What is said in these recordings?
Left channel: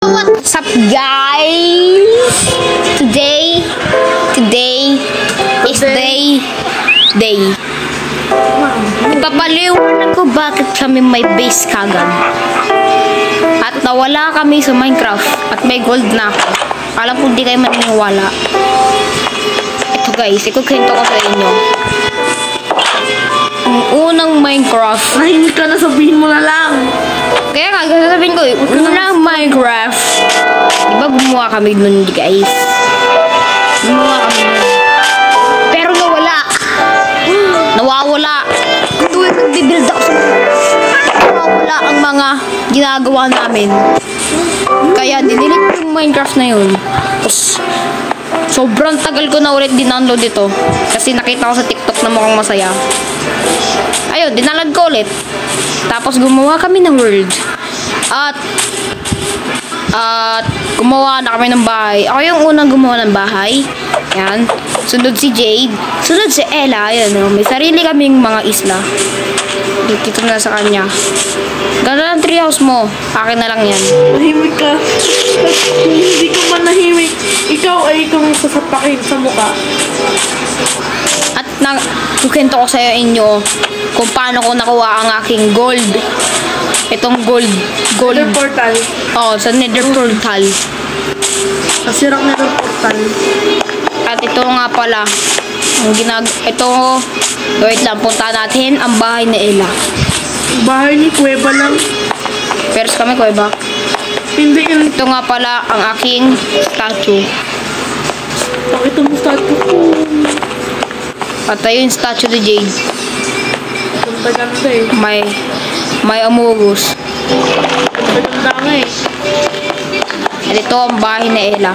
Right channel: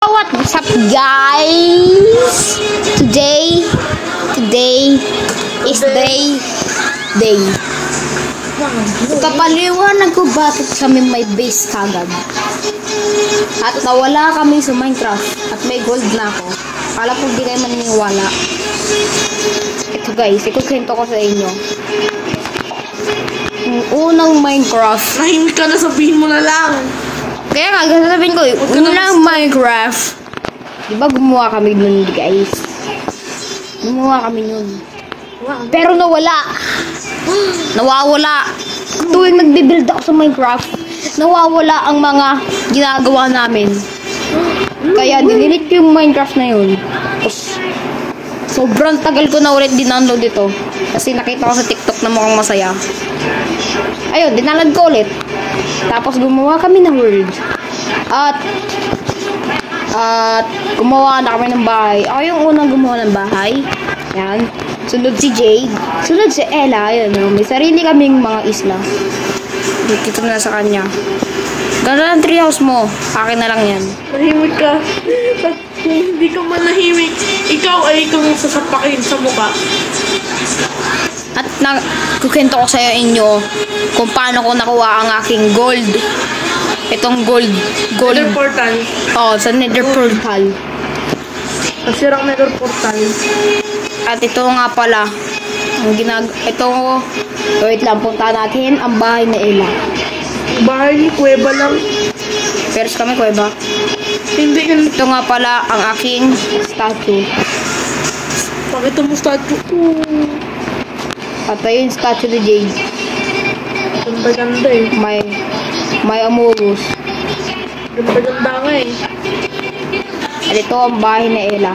What's up, guys? Today is day. Papaliwanag ko bakit kami may base kagad. At nawala kami sa Minecraft at may gold na ako. Alam ko hindi kayo maniniwala. Ito guys, ikukwento ko sa inyo. Ang unang Minecraft. Ay, hindi ka na, sabihin mo na lang. Kaya nga, sasabihin ko, unang Minecraft. Diba gumawa kami nun, guys? Gumawa kami nun. Pero nawala. Nawawala. Tuwing nagbibuild ako sa Minecraft, nawawala ang mga ginagawa namin. Kaya dinilit ko yung Minecraft na yun. Tapos, sobrang tagal ko na ulit dindownload ito. Kasi nakita ko sa TikTok na mukhang masaya. Ayun, dinalad ko ulit. Tapos gumawa kami ng world. At gumawa na kami ng bahay. Ako yung unang gumawa ng bahay. Yan. Sunod si Jade. Sunod si Ella. Ayun. May sarili kaming mga isla. Dito na sa kanya. Gano'n ang treehouse mo. Akin na lang yan. Nahimik ka. Hindi ka man nahimik. Ikaw ay ikaw sasapakin sa mukha. At kukwento ko sa inyo kung paano ko nakuha ang aking gold. Itong gold. Nether portal. Oh, sa Nether portal. Nasirang Nether portal. At ito nga pala, ito, wait lang, punta natin ang bahay ni Ella. Bahay ni Kuweba lang. Pero kami, kuweba. Hindi yun. Ito nga pala ang aking statue. Ito mo statue ko. At ayun yung statue ni Jade. Ganda-ganda eh. May amugus. Ganda-ganda nga eh. At ito ang bahay ni Ella.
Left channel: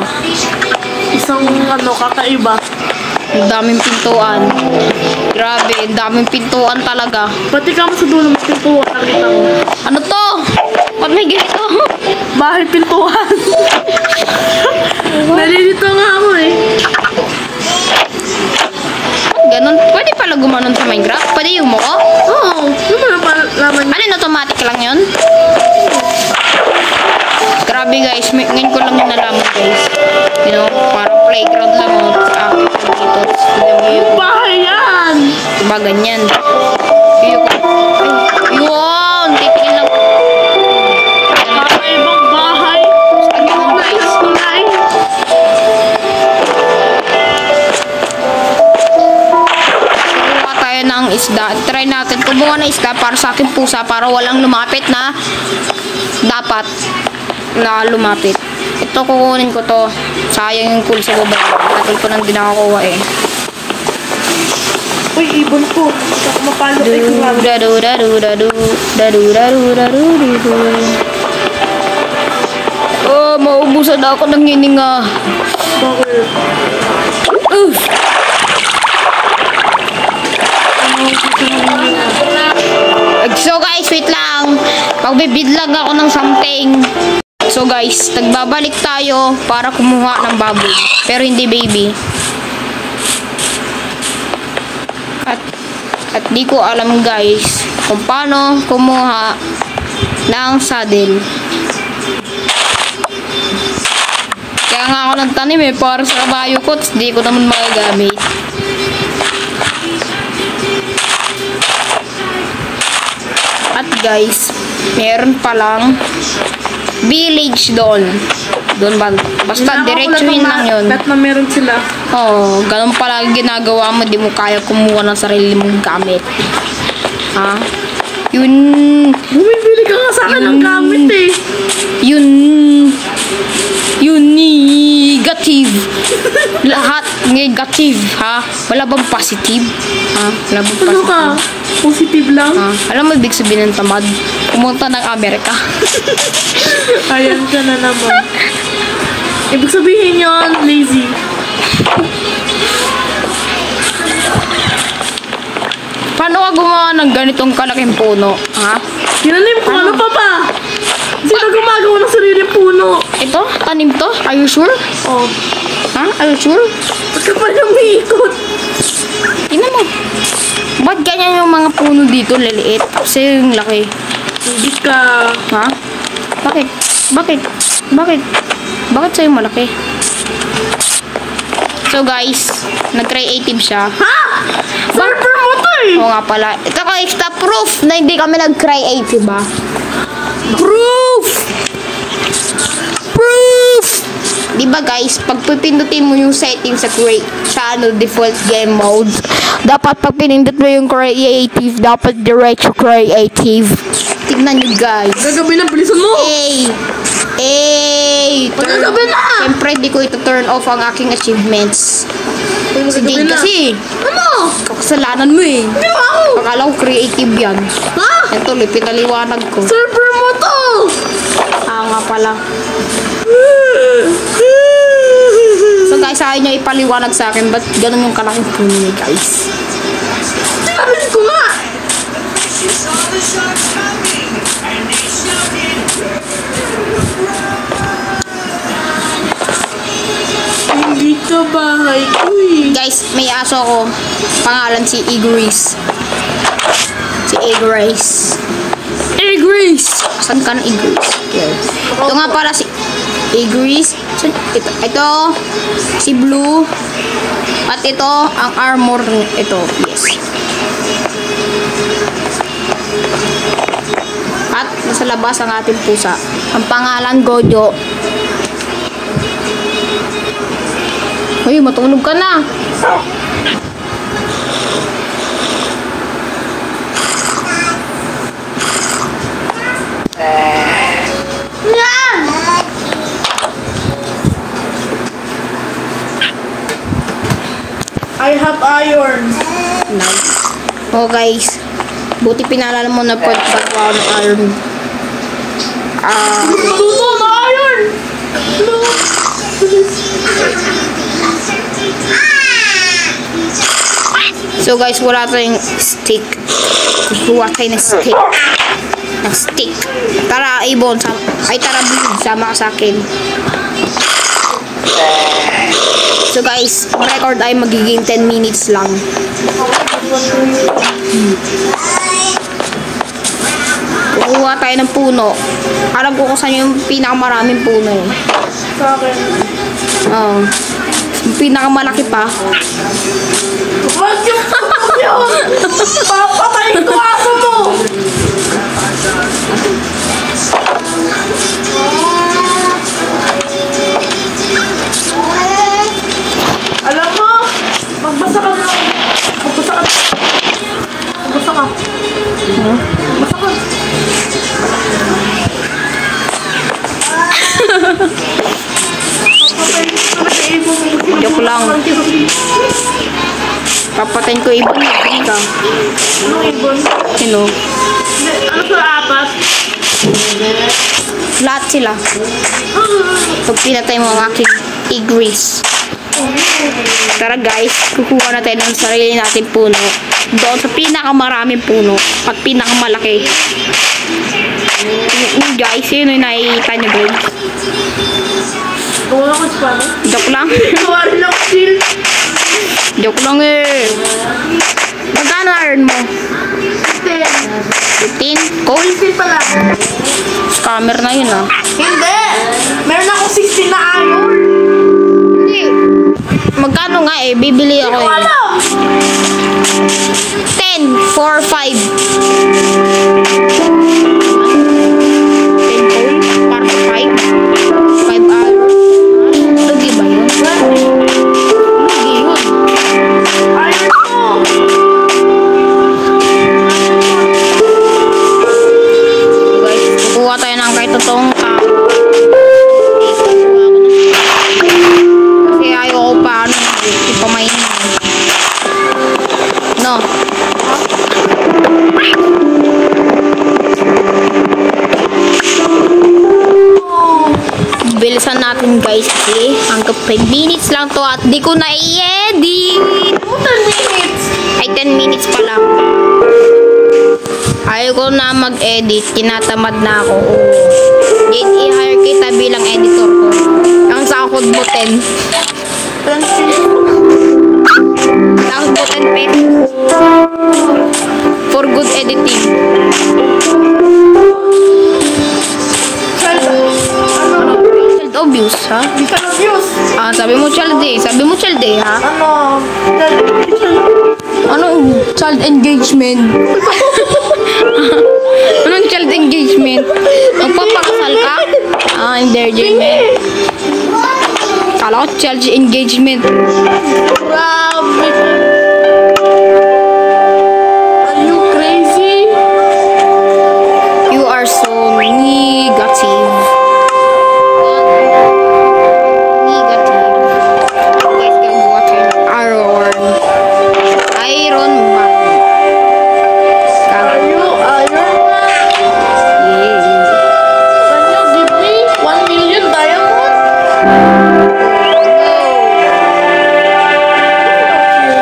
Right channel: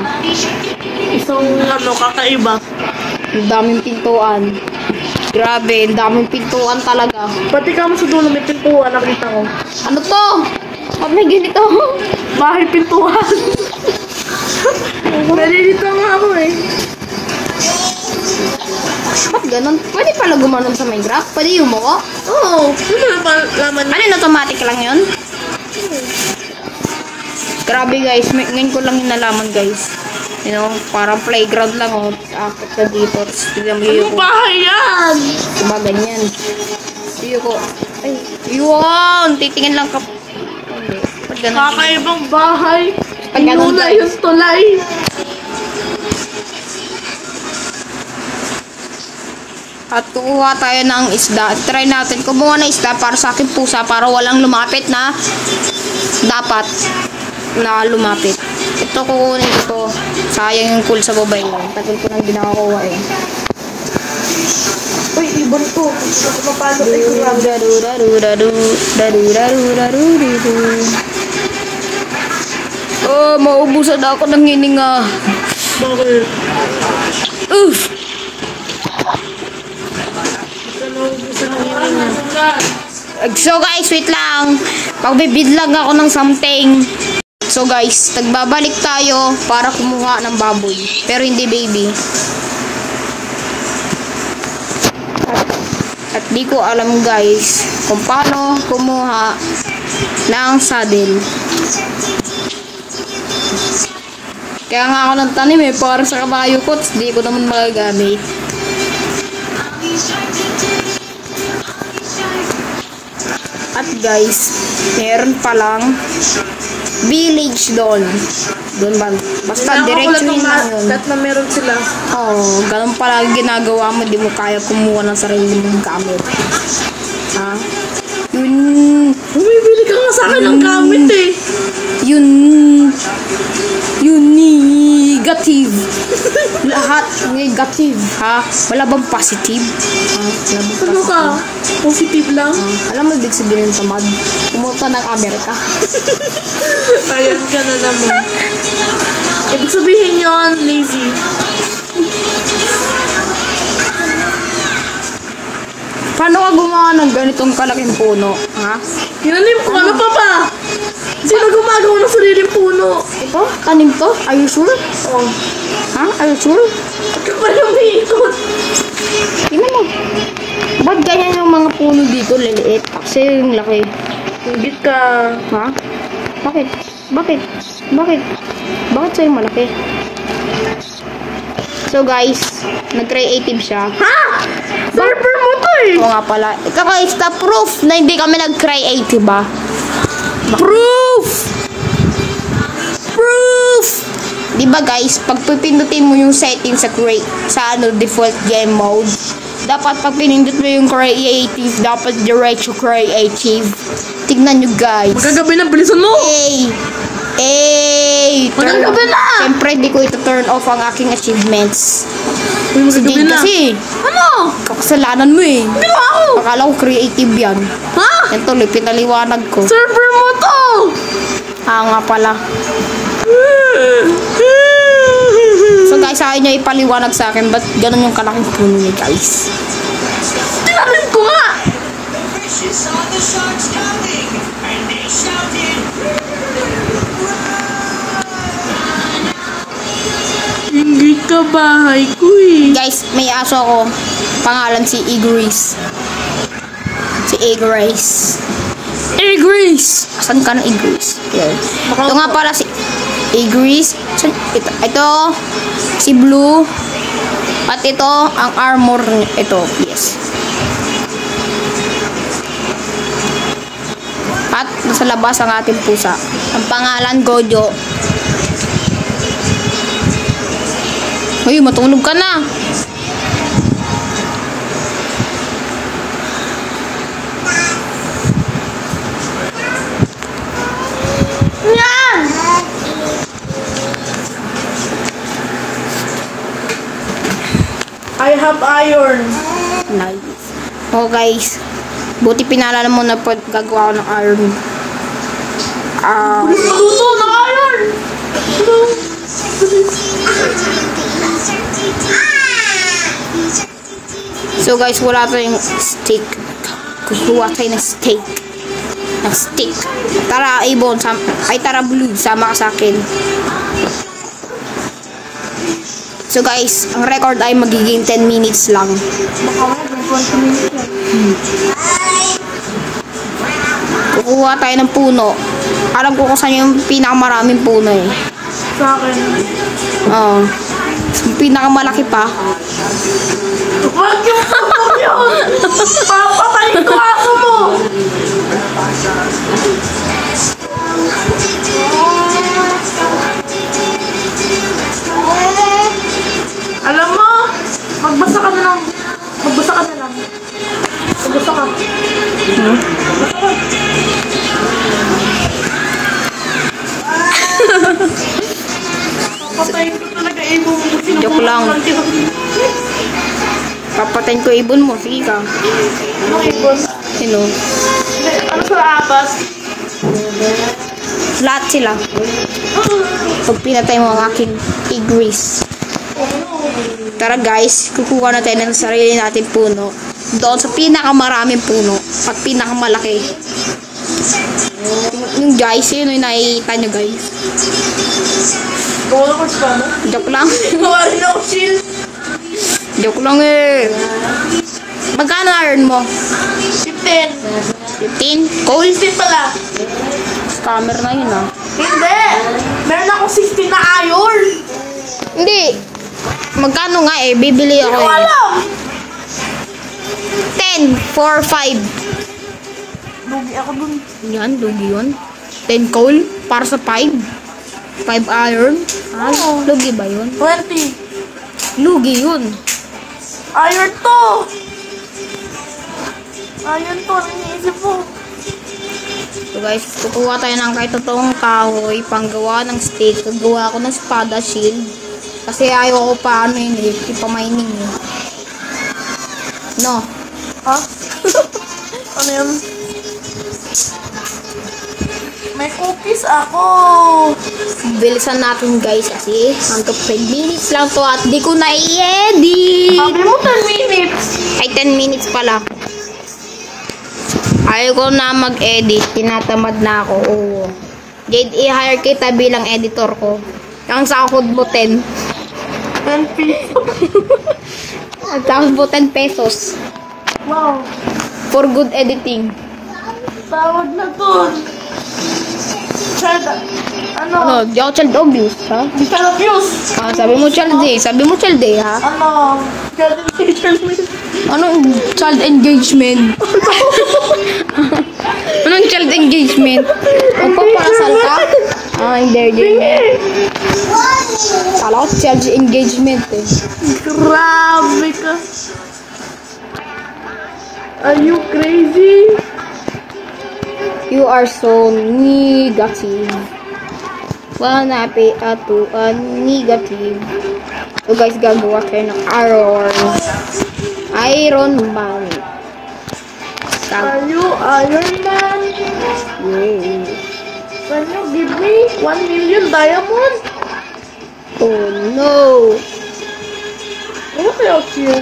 Isang kakaiba. Ang daming pintuan. Grabe, ang daming pintuan talaga. Pati ka mo sa dulo may pintuan, nakita ko. Ano to? Ba't may ganito? Bahay pintuan. Nalilito nga ako eh. Ba't ganun? Pwede pala gumanon sa Minecraft? Pwede yumuko? Oo. Yung mga palaman. Ano yun? Automatic lang yun? Grabe guys, ngayon ko lang yung nalaman guys. You know, parang playground lang o. Ito dito. Yung bahay yan! Diba ganyan? Iyo ko. Ay, yun! Titingin lang ko. Kakaibang bahay. Ganun guys. Yung tulay. At kukuha tayo ng isda. Try natin kumuha ng isda para sa aking pusa para walang lumapit na dapat na lumapit. Ito kukunin ko to. Sayang yung cool sa mobile ko. Tagal ko nang di nakakuha eh. Uy, ibon ko. Mapalo Oh, maubusan na ako ng hininga. Bakit? So guys, wait lang. Pagbibid lang ako ng something. So guys, nagbabalik tayo para kumuha ng baboy. Pero hindi baby. At di ko alam guys kung paano kumuha ng saddle. Kaya nga ako ng tanim eh, para sa kabayo ko, di ko naman magagamit. At guys, meron palang village doon. Doon ba? Basta diretsuhin lang yun. Bet na meron sila. Oo, ganun pala ginagawa mo. Di mo kaya kumuha ng sarili mong gamit. Ha? Yun. Bumibili ka nga sa akin ng gamit eh. Yun. Negative. Lahat negative, ha? Wala bang positive? Ha? Wala bang Ano positive? ka? Positive lang? Ha? Alam mo ibig sabihin ng tamad? Pumunta ng Amerika. Ayan ka na naman. Ibig sabihin yun, lazy. Paano ka gumawa ng ganitong kalaking puno? Ha? Tinanim ko, ano pa ba? Sino gumagawa ng sariling puno? Ito? Tanim to? Are you sure? Oh. Ha? Are you sure? Ba't ka pa lumikot? Tingnan mo. Ba't ganyan yung mga puno dito liliit? Kasi yung laki. Hindi ka. Ha? Bakit? Bakit? Bakit? Bakit sa'yo malaki? So guys, nag-creative siya. Ha? Server mo to eh! Oo nga pala. Ito ka extra proof na hindi kami nag-creative ba? Proof! Proof! Diba guys, pag pipindutin mo yung setting sa default game mode, dapat pag pinindot mo yung creative, dapat diretso creative. Tignan nyo guys. Gagabi na, bilisan mo! Gagabi na! Siyempre, di ko ito turn off ang aking achievements. Hindi kasi. Ano? Kakasalanan mo eh. Hindi ako! Akala ko creative yan. Ha? Yan tuloy, pinaliwanag ko. Server mo to! Nga pala. So guys, ayaw nyo ipaliwanag sa akin, ba't ganun yung kalaking puno niya guys? Tinamin ko nga! Ingit ka bahay ko eh. Guys, may aso ako. Pangalan si Igris. Si Igris. Igris! Asan ka ng Igris? Here. Ito nga pala si Igris. Ito, si Blue. At ito, ang armor. Ito, yes. At nasa labas ang ating pusa. Ang pangalan, Gojo. Uy, matulog ka na. I have iron. Nice. Oh guys, buti pinalala mo na pagkagawa ko ng iron. Luto ng iron! So guys, wala tayong stick. Kukuha tayo ng stick. Tara, Ibon. Tara, Blue. Sama ka sa akin. So guys, ang record ay magiging 10 minutes lang. Kukuha tayo ng puno. Alam ko kung saan yung pinakamaraming puno eh. Sa akin. Oo. Yung pinakamalaki pa. Wag yung yun! Papatayin ko aso mo! Alam mo, magbasa ka na lang. Magbasa ka. Huh? Joke lang. Papatayin ko ibon mo. Sige ka. Sino? Ano sa atas? Lahat sila. Pag pinatay mo ang aking Igris. Tara guys, kukuha na tayo ng sarili natin puno. Doon sa pinakamaraming puno at pinakamalaki. Yung guys, yun yung nakikita nyo guys. Wala ka sa ano? Joke lang. Wala na ako shield. Joke lang eh. Magkano iron mo? 10. 15? Coal? 15 pala. Scammer na yun ah. Hindi! Meron ako 16 na iron! Hindi. Magkano nga eh? Bibili ako eh. Wala! 10 for 5. Yan, 10 coal para sa 5. 5 iron. Ah, lugi ba yun? Lugi yun. Iron ko! So guys, kukuha tayo ng kahit totoong kahoy, panggawa ng stick, panggawa ko ng spada shield. Kasi ayaw ko pa ipamainin. No? Ha? Miss ako! Bilisan natin guys kasi hanggang 5 minutes lang to at di ko na i-edit. Sabi mo 10 minutes! Ay 10 minutes pa lang. Ayaw ko na mag-edit, tinatamad na ako. Jade, i-hire kita bilang editor ko. Ang sahod mo 10. 10 pesos. Ang sahod mo 10 pesos. For good editing. Ano? Ano? Di child abuse, ha? Di ka abuse. Ah, sabi mo child eh. Sabi mo child eh, ha? Ano? Anong child engagement? Anong child engagement? Magpapakasal ka? Ah, engagement. Kala ko child engagement. Grabe ka. Are you crazy? You are so negative. Negative. You guys gagawa kayo ng Iron Man. Are you Iron Man? Yeah. Can you give me 1 million diamond? Oh no. Who loves you?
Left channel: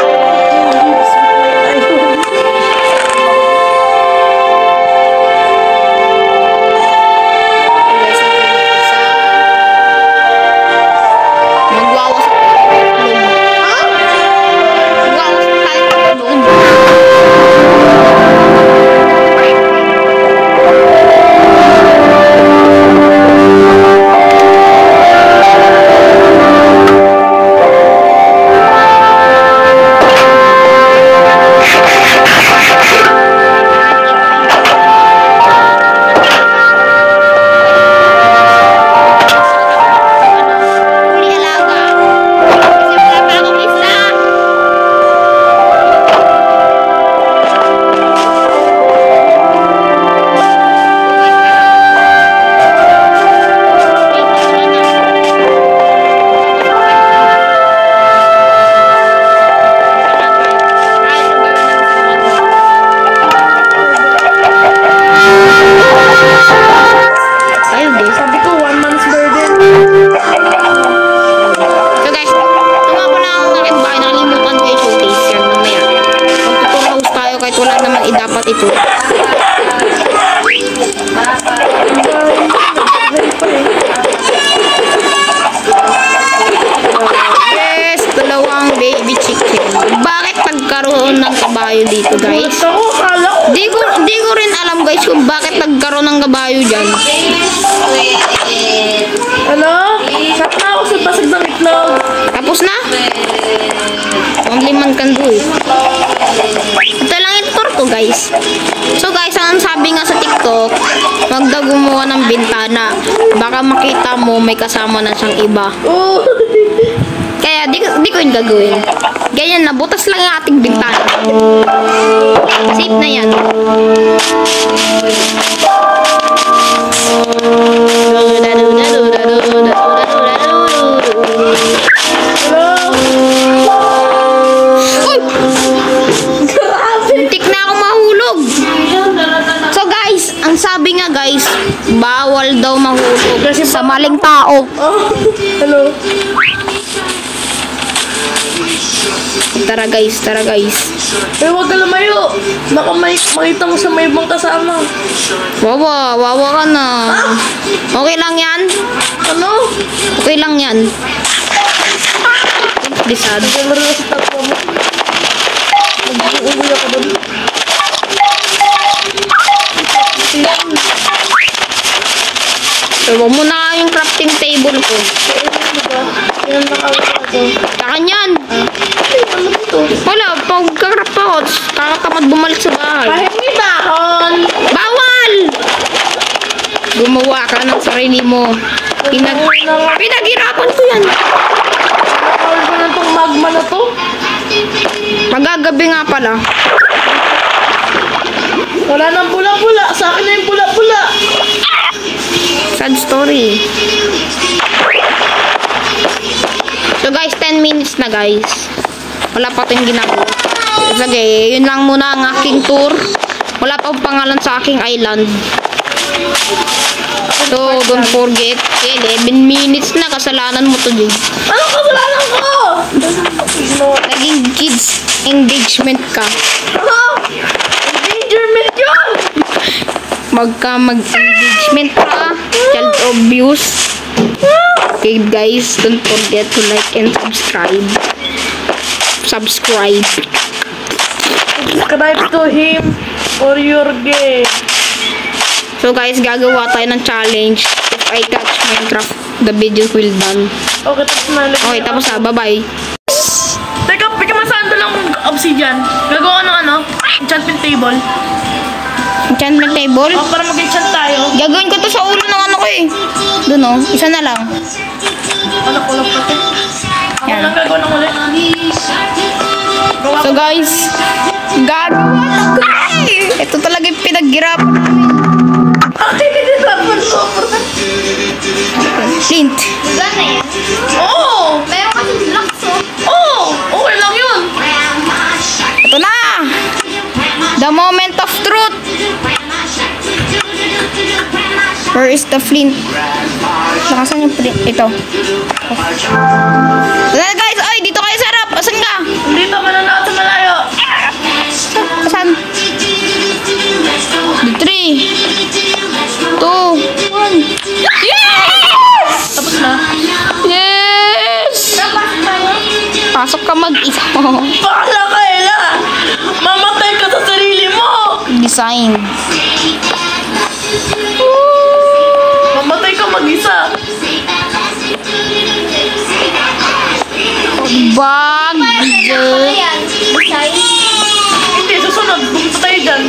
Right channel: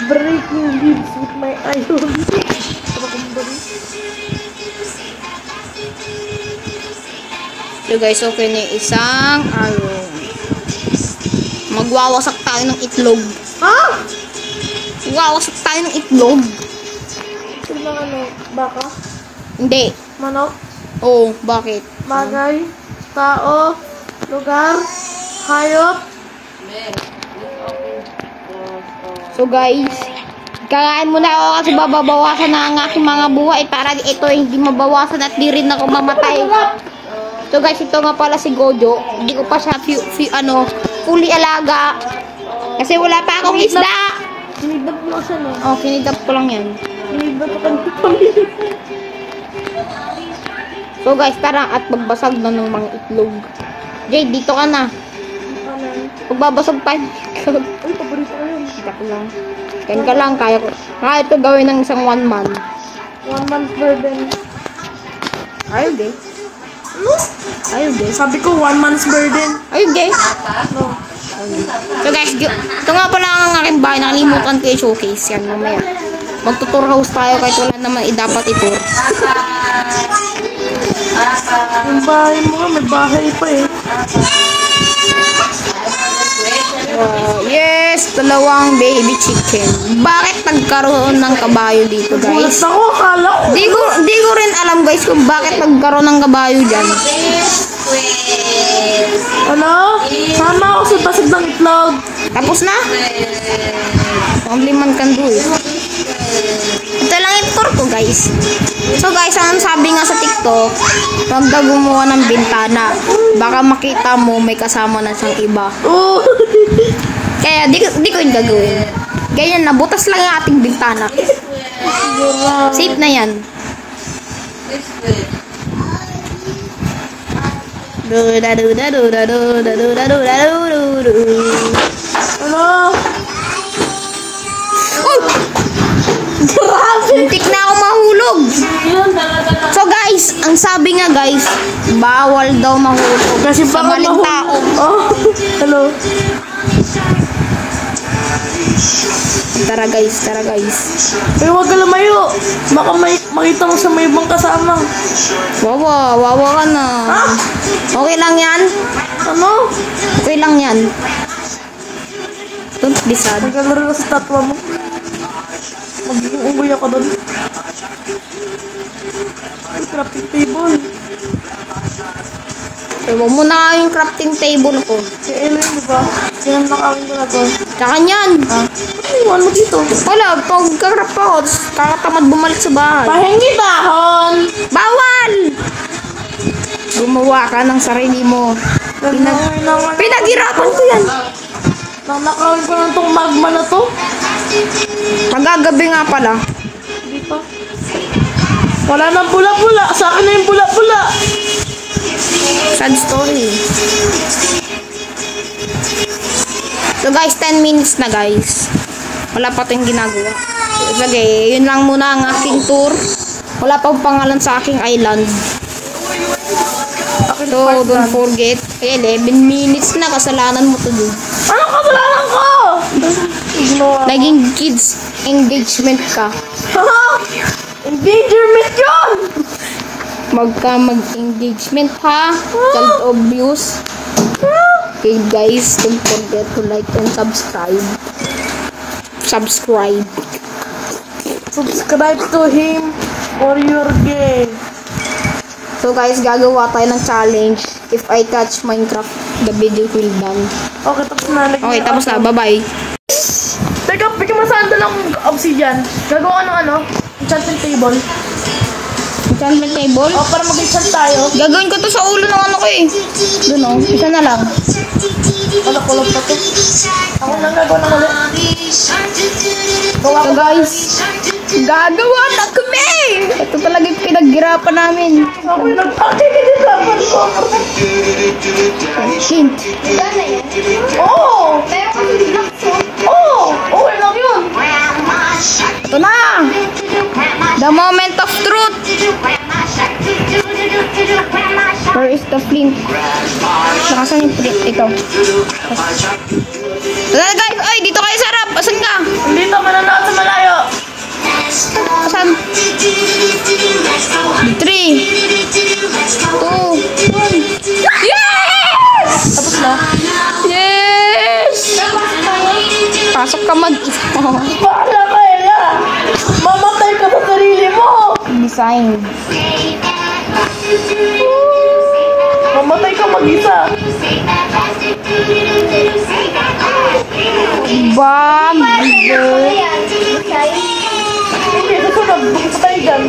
Breaking leaves with my iron. So guys, okay na isang magwawasak tayo ng itlog. Ha? Magwawasak tayo ng itlog. Hindi. Kain mo na ako. Babawasan natin mga buhay para ito hindi mabawasan at di rin na mamatay. So guys, ito nga pala si Gogo. Ito pa siya fully alaga. Kasi wala pa akong isda. Oh, pinigat ko lang yan. So guys, tara at magbasag na ng mga itlog. Babe, dito ka na. Magbabasag tayo. Yan ka lang tayo. Ito gawin ng isang 1 month. Ayun guys. Sabi ko 1 month's burden. So guys, ito nga pala ang aking bahay. Nakalimutan ko yung showcase yan mamaya. Mag-tour house tayo kahit wala naman dapat ito. Ang bahay mo, nagbahay pa eh. Oh, yes, dalawang baby chicken. Bakit nagkaroon ng kabayo dito guys? Gusto ko, akala ko. Di ko rin alam guys kung bakit nagkaroon ng kabayo dyan. Ano? Sama ako sa basag ng itlog. Tapos na? Only man can do it. Ito lang yung tour ko guys. So guys, ang sabi nga sa TikTok, wag daw gumawa ng bintana. Baka makita mo may kasama na siyang iba. Oh. Kaya di ko yung gagawin. Ganyan na, butas lang yung ating bintana. Safe na yan. Uy! Muntik na ako mahulog. So guys, ang sabi nga guys, bawal daw mahulog Kasi sa bawal maling tao. Oh. Hello. Tara guys, tara guys. Eh, huwag ka lumayo. Baka makita mo sa may ibang kasama. Wawa ka na. Okay lang yan? Ano? Okay lang yan. Bisad. Naglalaro ka sa tatwa mo. Mag-uwi ka doon. So, wag mo na yung crafting table ko. Kaya na, diba? Yan lang ako ako. Kakanyan. Ano dito? Wala, pag kakraft ako, kakatamad bumalik sa bahay. Hindi dahon. Bawal! Gumawa ka ng sarili mo. Pinaghirapan ko yan. Ano ka na itong magma na to? Magagabi nga pala. Wala nang pula-pula. Sa akin na yung pula-pula. Sad story. So guys, 10 minutes na guys. Wala pa tayong ginagawa. Sige, yun lang muna ang aking tour. Wala pa pangalan sa aking island. So, don't forget. 11 minutes na. Kasalanan mo to, Jig. Ano kasalanan ko? Naging kids engagement ka. Ano? Endangerment yun! Mag-engagement ka. Child abuse. Okay guys, don't forget to like and subscribe. Subscribe Subscribe to him or you're gay. So guys, gagawa tayo ng challenge. If I catch Minecraft, the video will done. Okay, tapos na. Okay, tapos na. Bye-bye. Teka, bigyan mo saan lang obsidian. Gagawa ko ng ano? Enchantment table. Enchantment table? Oh, para mag-enchant tayo. Gagawin ko to sa ulo ng ano ko eh. Doon oh, isa na lang. Wala ko lang pati. Ako lang gagawa ng uli. Gawa So ko. guys, gagawa na kami! Ito talaga yung pinaghirapan namin. Ay, dapat ko. Flint. Diba na yan? Oo! Meron kasi blocks oh. Oo! Okay lang yun. Ito na! The moment of truth! Where is the flint? Nakasan yung flint? Ito. Wala guys! Ay! Dito kayo sa harap! Asan ka? Dito, mananaot sa malayo. Asan? 3, 2, 1. Yes! Tapos na. Yes! Pasok ka mag-isa. Bakla ka, Ella! Mamatay ka sa sarili mo! Design. Mamatay ka mag-isa. Bag. Pala yan. Besides. Hindi, susunod. Bukit tayo dyan.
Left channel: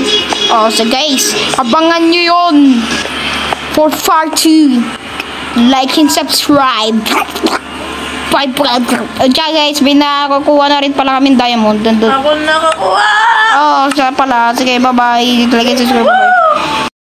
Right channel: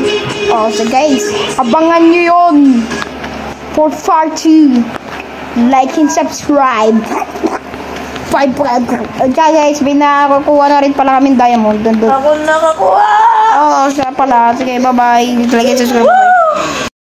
Oh, so guys, abangan nyo yun. For part 2. Like and subscribe. Bye, guys, may nakakuha na rin pala kami diamond. Dun. Ako nakakuha! Oh, siya pala. Sige, bye-bye. Like and subscribe. Bye.